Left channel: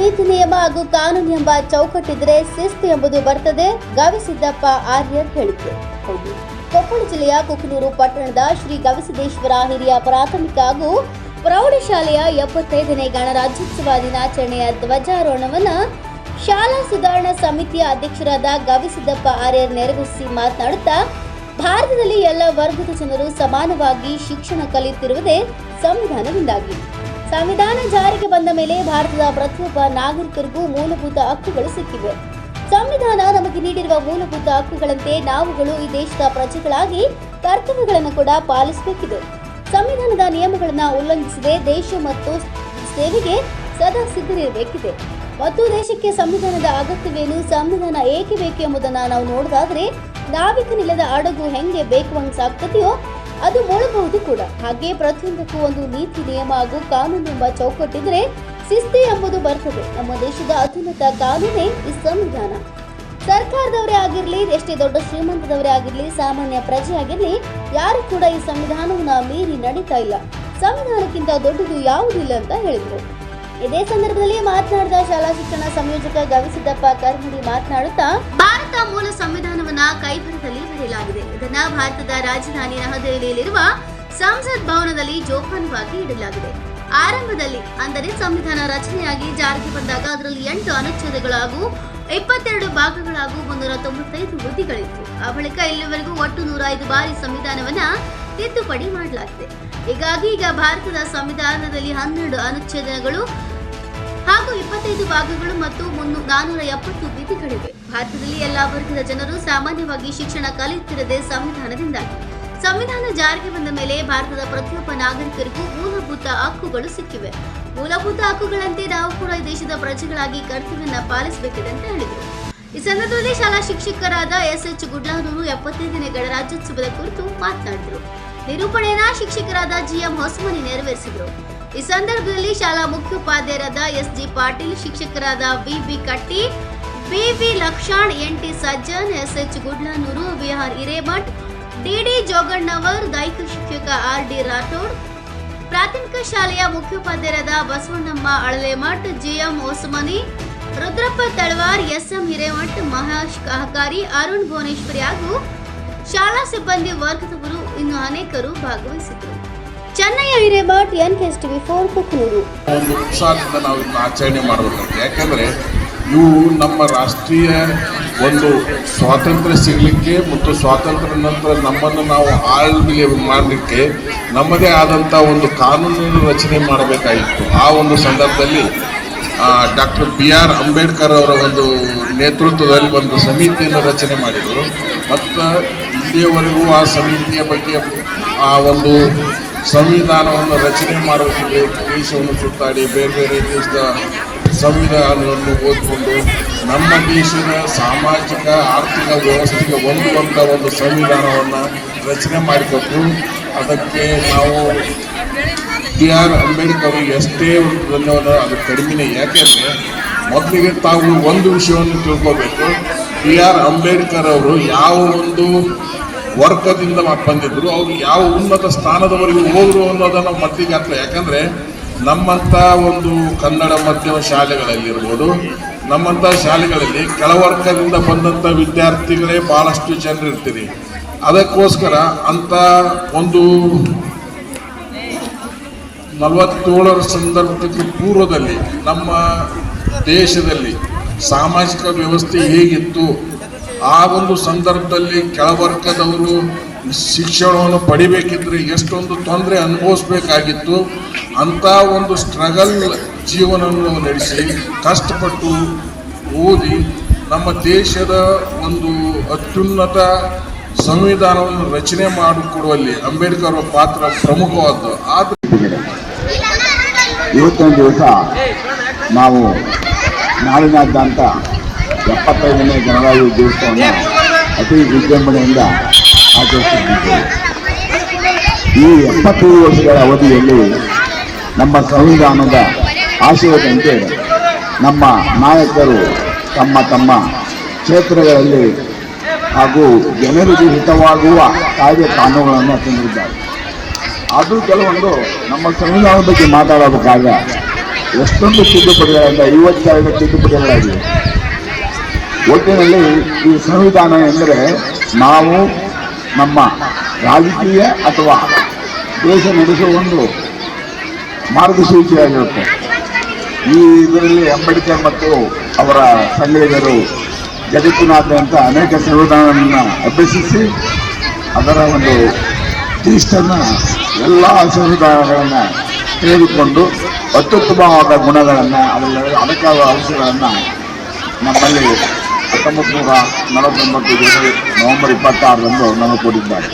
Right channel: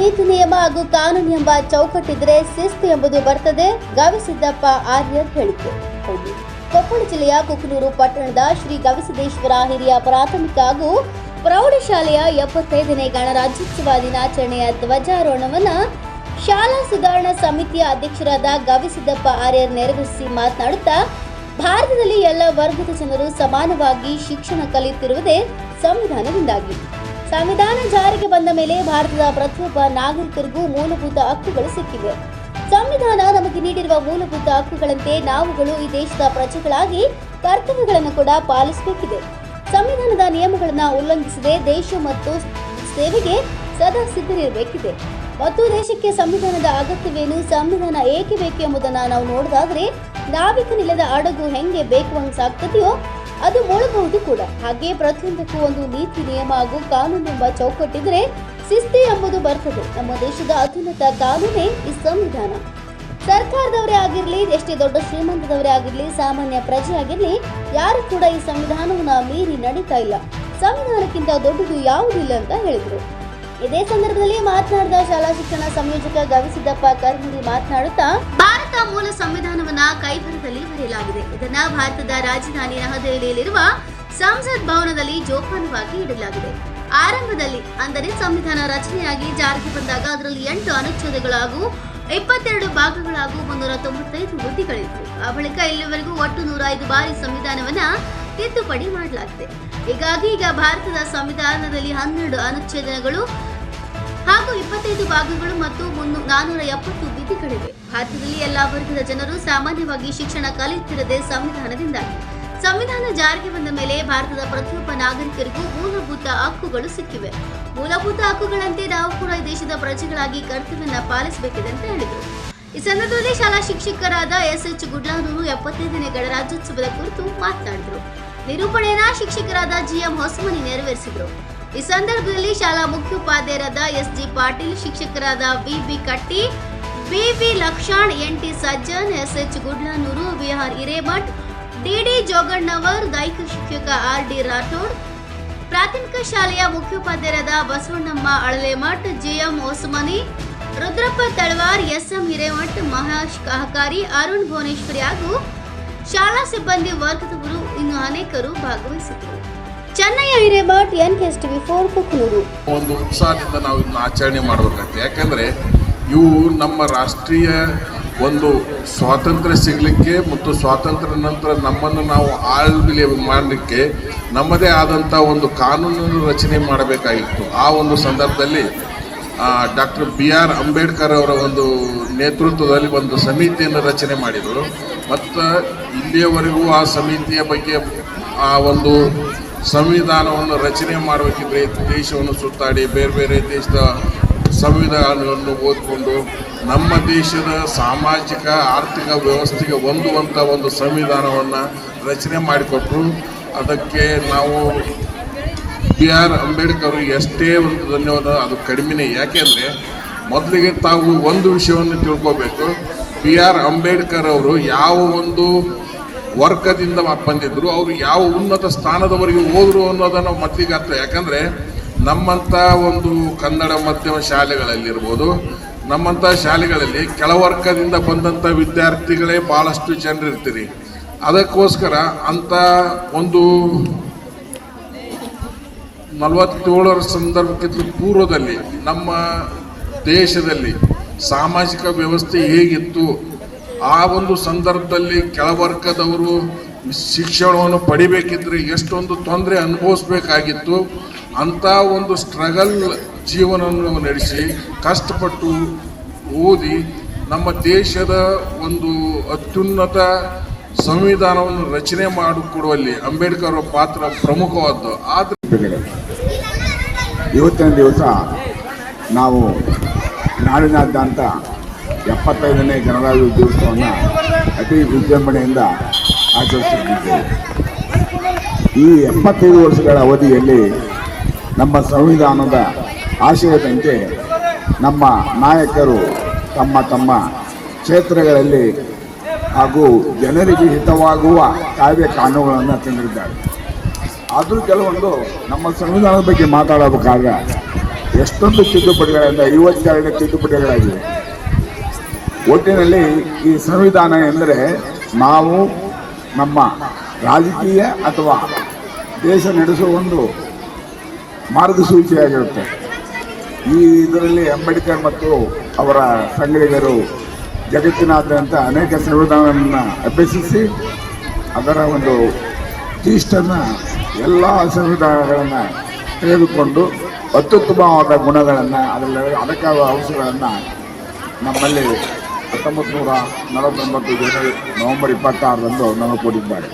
ನೀತಿ ನಿಯಮ ಹಾಗೂ ಕಾನೂನು ಎಂಬ ಚೌಕಟ್ಟಿದ್ರೆ ಶಿಸ್ತು ಎಂಬುದು ಬರ್ತದೆ. ಗವಿಸಿದ್ದಪ್ಪ ಆರ್ಯರ್ ಹೇಳಿಕೆ. ಹೌದು, ಕೊಪ್ಪಳ ಜಿಲ್ಲೆಯ ಕುಕನೂರು ಪಟ್ಟಣದ ಶ್ರೀ ಗವಿಸಿದ್ದೇಶ್ವರ ಹಿರಿಯ ಪ್ರಾಥಮಿಕ ಹಾಗೂ ಪ್ರೌಢಶಾಲೆಯ 75ನೇ ಗಣರಾಜ್ಯೋತ್ಸವ ದಿನಾಚರಣೆಯ ಧ್ವಜಾರೋಹಣವನ್ನು ಶಾಲಾ ಸುಧಾರಣಾ ಸಮಿತಿಯ ಅಧ್ಯಕ್ಷರಾದ ಗವಿಸಿದ್ದಪ್ಪ ಆರ್ಯರ್ ನೆರವೇರಿಸಿ ಮಾತನಾಡುತ್ತಾ, ಭಾರತದಲ್ಲಿ ಎಲ್ಲ ವರ್ಗದ ಜನರು ಸಮಾನವಾಗಿ ಶಿಕ್ಷಣ ಕಲಿಯುತ್ತಿರುವುದೇ ಸಂವಿಧಾನದಿಂದಾಗಿ. ಸಂವಿಧಾನ ಜಾರಿಗೆ ಬಂದ ಮೇಲೆ ಭಾರತದ ಪ್ರತಿಯೊಬ್ಬ ನಾಗರಿಕರಿಗೂ ಮೂಲಭೂತ ಹಕ್ಕುಗಳು ಸಿಕ್ಕಿವೆ. ಸಂವಿಧಾನ ನಮಗೆ ನೀಡಿರುವ ಮೂಲಭೂತ ಹಕ್ಕುಗಳಂತೆ ನಾವುಗಳು ಈ ದೇಶದ ಪ್ರಜೆಗಳಾಗಿ ಕರ್ತವ್ಯಗಳನ್ನು ಕೂಡ ಪಾಲಿಸಬೇಕಿದೆ. ಸಂವಿಧಾನದ ನಿಯಮಗಳನ್ನು ಉಲ್ಲಂಘಿಸದೆ ದೇಶ ಮತ್ತು ಸೇವೆಗೆ ಸದಾ ಸಿದ್ಧರಿರಬೇಕಿದೆ. ಮತ್ತು ದೇಶಕ್ಕೆ ಸಂವಿಧಾನದ ಅಗತ್ಯವೇನು, ಸಂವಿಧಾನ ಏಕೆ ಬೇಕು ಎಂಬುದನ್ನು ನಾವು ನೋಡೋದಾದ್ರೆ, ನಾವಿಕನಿಲ್ಲದ ಹಡಗು ಹೆಂಗೆ ಬೇಕುವಂಗೆ ಸಾಗ್ತದೆಯೋ ಅದು ಮುಳಬಹುದು ಕೂಡ. ಹಾಗೆ ಪ್ರತಿಯೊಂದಕ್ಕೂ ಒಂದು ನೀತಿ ನಿಯಮ ಹಾಗೂ ಕಾನೂನು ಎಂಬ ಚೌಕಟ್ಟಿದ್ರೆ ಶಿಸ್ತು ಎಂಬುದು ಬರ್ತದೆ. ನಮ್ಮ ದೇಶದ ಅತ್ಯುನ್ನತ ಕಾನೂನೇ ಈ ಸಂವಿಧಾನ. ಸರ್ಕಾರದವರೇ ಆಗಿರಲಿ, ಎಷ್ಟೇ ದೊಡ್ಡ ಶ್ರೀಮಂತದವರೇ ಆಗಿರಲಿ, ಸಾಮಾನ್ಯ ಪ್ರಜೆ ಆಗಿರಲಿ, ಯಾರು ಕೂಡ ಈ ಸಂವಿಧಾನವನ್ನು ಮೀರಿ ನಡೀತಾ ಇಲ್ಲ. ಸಂವಿಧಾನಕ್ಕಿಂತ ದೊಡ್ಡದು ಯಾವುದಿಲ್ಲ ಅಂತ ಹೇಳಿದರು. ಇದೇ ಸಂದರ್ಭದಲ್ಲಿ ಮಾತನಾಡಿದ ಶಾಲಾ ಶಿಕ್ಷಣ ಸಂಯೋಜಕ ಗವಿಸಿದ್ದಪ್ಪ ಕರ್ಮುಡಿ ಮಾತನಾಡುತ್ತಾ, ಭಾರತ ಮೂಲ ಸಂವಿಧಾನವನ್ನ ಕೈಬರಹದಲ್ಲಿ ಬರೆಯಲಾಗಿದೆ. ಇದನ್ನ ಭಾರತದ ರಾಜಧಾನಿ ನವದೆಹಲಿಯಲ್ಲಿರುವ ಸಂಸತ್ ಭವನದಲ್ಲಿ ಜೋಪಾನವಾಗಿ ಇಡಲಾಗಿದೆ. ಆರಂಭದಲ್ಲಿ ಅಂದರೆ ಸಂವಿಧಾನ ರಚನೆಯಾಗಿ ಜಾರಿಗೆ ಬಂದಾಗ ಅದರಲ್ಲಿ 8 ಅನುಚ್ಛೇದಗಳು ಹಾಗೂ 22 ಭಾಗಗಳು ಹಾಗೂ 395 ವಿಧಿಗಳಿದ್ವು. ಆ ಬಳಿಕ ಇಲ್ಲಿವರೆಗೂ ಒಟ್ಟು 105 ಬಾರಿ ಸಂವಿಧಾನವನ್ನ ತಿದ್ದುಪಡಿ ಮಾಡಲಾಗಿದೆ. ಹೀಗಾಗಿ ಈಗ ಭಾರತದ ಸಂವಿಧಾನದಲ್ಲಿ 12 ಅನುಚ್ಛೇದಗಳು ಹಾಗೂ 25 ಭಾಗಗಳು ಮತ್ತು 470 ವಿಧಿಗಳಿವೆ. ಭಾರತದಲ್ಲಿ ಎಲ್ಲಾ ವರ್ಗದ ಜನರು ಸಾಮಾನ್ಯವಾಗಿ ಶಿಕ್ಷಣ ಕಲಿಯುತ್ತಿರದೆ ಸಂವಿಧಾನದಿಂದಾಗಿ. ಸಂವಿಧಾನ ಜಾರಿಗೆ ಬಂದ ಮೇಲೆ ಭಾರತದ ಪ್ರತಿಯೊಬ್ಬ ನಾಗರಿಕರಿಗೂ ಮೂಲಭೂತ ಹಕ್ಕುಗಳು ಸಿಕ್ಕಿವೆ. ಮೂಲಭೂತ ಹಕ್ಕುಗಳಂತೆ ನಾವು ಕೂಡ ಈ ದೇಶದ ಪ್ರಜೆಗಳಾಗಿ ಕರ್ತವ್ಯವನ್ನ ಪಾಲಿಸಬೇಕಿದೆ ಅಂತ ಹೇಳಿದರು. ಈ ಸಂದರ್ಭದಲ್ಲಿ ಶಾಲಾ ಶಿಕ್ಷಕರಾದ SH ಗುಡ್ಲಾನೂರು 75ನೇ ಗಣರಾಜ್ಯೋತ್ಸವದ ಕುರಿತು ಮಾತನಾಡಿದರು. ನಿರೂಪಣೆಯನ್ನ ಶಿಕ್ಷಕರಾದ GM ಹೊಸಮನಿ ನೆರವೇರಿಸಿದರು. ಈ ಸಂದರ್ಭದಲ್ಲಿ ಶಾಲಾ ಮುಖ್ಯೋಪಾಧ್ಯಾಯರಾದ SG ಪಾಟೀಲ್, ಶಿಕ್ಷಕರಾದ VB ಕಟ್ಟಿ, BV ಲಕ್ಷಾಣ್, NT Sajjan, SH ಗುಡ್ಲಾನೂರು, VR Hiremath, DD ಜೋಗಣ್ಣವರ್, ದೈಹಿಕ ಶಿಕ್ಷಕ RD ರಾಠೋಡ್, ಪ್ರಾಥಮಿಕ ಶಾಲೆಯ ಮುಖ್ಯೋಪಾಧ್ಯಾಯರಾದ ಬಸವಣ್ಣಮ್ಮ ಅಳಲೆಮಠ್, GM ಹೊಸಮನಿ, ರುದ್ರಪ್ಪ ತಳವಾರ್, SM ಹಿರೇಮಠ್, ಮಹೇಶ್ ಕಹಕಾರಿ, ಅರುಣ್ ಭುವನೇಶ್ವರಿ ಹಾಗೂ ಶಾಲಾ ಸಿಬ್ಬಂದಿ ವರ್ಗದವರು ಇನ್ನು ಅನೇಕರು ಭಾಗವಹಿಸಿದರು. ಚೆನ್ನಯ್ಯ ಹಿರೇಮಠ್, NKSTV4 ಕುಕನೂರು. ಒಂದು ಉತ್ಸಾಹದಿಂದ ನಾವು ಇದನ್ನು ಆಚರಣೆ ಮಾಡಬೇಕಾಗಿದೆ. ಯಾಕಂದರೆ ಇವು ನಮ್ಮ ರಾಷ್ಟ್ರೀಯ ಒಂದು ಸ್ವಾತಂತ್ರ್ಯ ಸಿಗಲಿಕ್ಕೆ ಮತ್ತು ಸ್ವಾತಂತ್ರ್ಯ ನಂತರ ನಮ್ಮನ್ನು ನಾವು ಆಳ್ವಿಕೆ ಮಾಡಲಿಕ್ಕೆ ನಮ್ಮದೇ ಆದಂಥ ಒಂದು ಕಾನೂನನ್ನು ರಚನೆ ಮಾಡಬೇಕಾಗಿತ್ತು. ಆ ಒಂದು ಸಂದರ್ಭದಲ್ಲಿ ಡಾಕ್ಟರ್ BR ಅಂಬೇಡ್ಕರ್ ಅವರ ಒಂದು ನೇತೃತ್ವದಲ್ಲಿ ಒಂದು ಸಮಿತಿಯನ್ನು ರಚನೆ ಮಾಡಿದರು. ಮತ್ತು ಇಲ್ಲಿಯವರೆಗೂ ಆ ಸಮಿತಿಯ ಬಗ್ಗೆ ಆ ಒಂದು ಸಂವಿಧಾನವನ್ನು ರಚನೆ ಮಾಡೋದಕ್ಕೆ ದೇಶವನ್ನು ಸುತ್ತಾಡಿ ಬೇರೆ ಬೇರೆ ದೇಶದ ಸಂವಿಧಾನವನ್ನು ಓದಿಕೊಂಡು ನಮ್ಮ ದೇಶದ ಸಾಮಾಜಿಕ ಆರ್ಥಿಕ ವ್ಯವಸ್ಥೆಗೆ ಹೊಂದುವಂಥ ಒಂದು ಸಂವಿಧಾನವನ್ನು ರಚನೆ ಮಾಡಿಕೊಟ್ರು. ಅದಕ್ಕೆ ನಾವು BR ಅಂಬೇಡ್ಕರ್ ಅವರಿಗೆ ಎಷ್ಟೇ ಒಂದು ಧನ್ಯವಾದ, ಅದು ಕಡಿಮೆನೇ. ಯಾಕೆಂದರೆ ಮೊದಲಿಗೆ ತಾವು ಒಂದು ವಿಷಯವನ್ನು ತಿಳ್ಕೋಬೇಕು, BR ಅಂಬೇಡ್ಕರ್ ಅವರು ಯಾವ ಒಂದು ವರ್ಗದಿಂದ ಬಂದಿದ್ರು, ಅವರು ಯಾವ ಉನ್ನತ ಸ್ಥಾನದವರೆಗೂ ಹೋದರು ಅನ್ನೋದನ್ನು ಮೊದಲಿಗೆ ಅರ್ಥ. ಯಾಕಂದರೆ ನಮ್ಮಂಥ ಒಂದು ಕನ್ನಡ ಮಾಧ್ಯಮ ಶಾಲೆಗಳಲ್ಲಿರ್ಬೋದು, ನಮ್ಮಂಥ ಶಾಲೆಗಳಲ್ಲಿ ಕೆಳವರ್ಗದಿಂದ ಬಂದಂಥ ವಿದ್ಯಾರ್ಥಿಗಳೇ ಭಾಳಷ್ಟು ಜನರು ಇರ್ತೀರಿ. ಅದಕ್ಕೋಸ್ಕರ ಅಂಥ ಒಂದು 47ರ ಸಂದರ್ಭಕ್ಕೆ ಪೂರ್ವದಲ್ಲಿ ನಮ್ಮ ದೇಶದಲ್ಲಿ ಸಾಮಾಜಿಕ ವ್ಯವಸ್ಥೆ ಹೇಗಿತ್ತು, ಆ ಒಂದು ಸಂದರ್ಭದಲ್ಲಿ ಕೆಳವರ್ಗದವರು ಶಿಕ್ಷಣವನ್ನು ಪಡಿಬೇಕಿದ್ರೆ ಎಷ್ಟೊಂದು ತೊಂದರೆ ಅನುಭವಿಸ್ಬೇಕಾಗಿತ್ತು. ಅಂಥ ಒಂದು ಸ್ಟ್ರಗಲ್ ಜೀವನವನ್ನು ನಡೆಸಿ ಕಷ್ಟಪಟ್ಟು ಓದಿ ನಮ್ಮ ದೇಶದ ಒಂದು ಅತ್ಯುನ್ನತ ಸಂವಿಧಾನವನ್ನು ರಚನೆ ಮಾಡಿಕೊಡುವಲ್ಲಿ ಅಂಬೇಡ್ಕರ್ ಅವರ ಪಾತ್ರ ಪ್ರಮುಖವಾದ್ದು. ಆದರೆ ಇವತ್ತಿನ ದಿವಸ ನಾವು ನಾಡಿನಾದ್ಯಂತ 75ನೇ ಗಣರಾಜ್ಯೋತ್ಸವವನ್ನು ಅತಿ ವಿಜೃಂಭಣೆಯಿಂದ ಆಚರಿಸುತ್ತಿದ್ದೇವೆ. ಈ 75 ವರ್ಷಗಳ ಅವಧಿಯಲ್ಲಿ ನಮ್ಮ ಸಂವಿಧಾನದ ಆಶಯದಂತೆ ನಮ್ಮ ನಾಯಕರು ತಮ್ಮ ತಮ್ಮ ಕ್ಷೇತ್ರಗಳಲ್ಲಿ ಹಾಗೂ ಜನರಿಗೆ ಹಿತವಾಗುವ ಕಾಯ್ದೆ ಕಾನೂನುಗಳನ್ನು ತಂದಿದ್ದಾರೆ. ಅದು ಕೆಲವೊಂದು ನಮ್ಮ ಸಂವಿಧಾನದ ಬಗ್ಗೆ ಮಾತಾಡಬೇಕಾಗ ಎಷ್ಟೊಂದು ತಿದ್ದುಪಡಿಗಳಿಂದ 52 ತಿದ್ದುಪಡಿಗಳಾಗಿವೆ. ಒಟ್ಟಿನಲ್ಲಿ ಈ ಸಂವಿಧಾನ ಎಂದರೆ ನಾವು ನಮ್ಮ ರಾಜಕೀಯ ಅಥವಾ ದೇಶ ನಡೆಸುವ ಒಂದು ಮಾರ್ಗಸೂಚಿಯಾಗಿರುತ್ತೆ. ಈ ಇದರಲ್ಲಿ ಅಂಬೇಡ್ಕರ್ ಮತ್ತು ಅವರ ಸಂಘಟಕರು ಜಗತ್ತಿನಾದ್ಯಂತ ಅನೇಕ ಸಂವಿಧಾನಗಳನ್ನು ಅಭ್ಯಸಿಸಿ ಅದರ ಒಂದು ಇಷ್ಟನ್ನು ಎಲ್ಲ ಸಂವಿಧಾನಗಳನ್ನು ತೆಗೆದುಕೊಂಡು ಅತ್ಯುತ್ತಮವಾದ ಗುಣಗಳನ್ನು ಅದಕ್ಕಾದ ಅಂಶಗಳನ್ನು ನಮ್ಮಲ್ಲಿ 1949 ನವೆಂಬರ್ 26ರಂದು ನಮಗೆ ಕೊಟ್ಟಿದ್ದಾರೆ.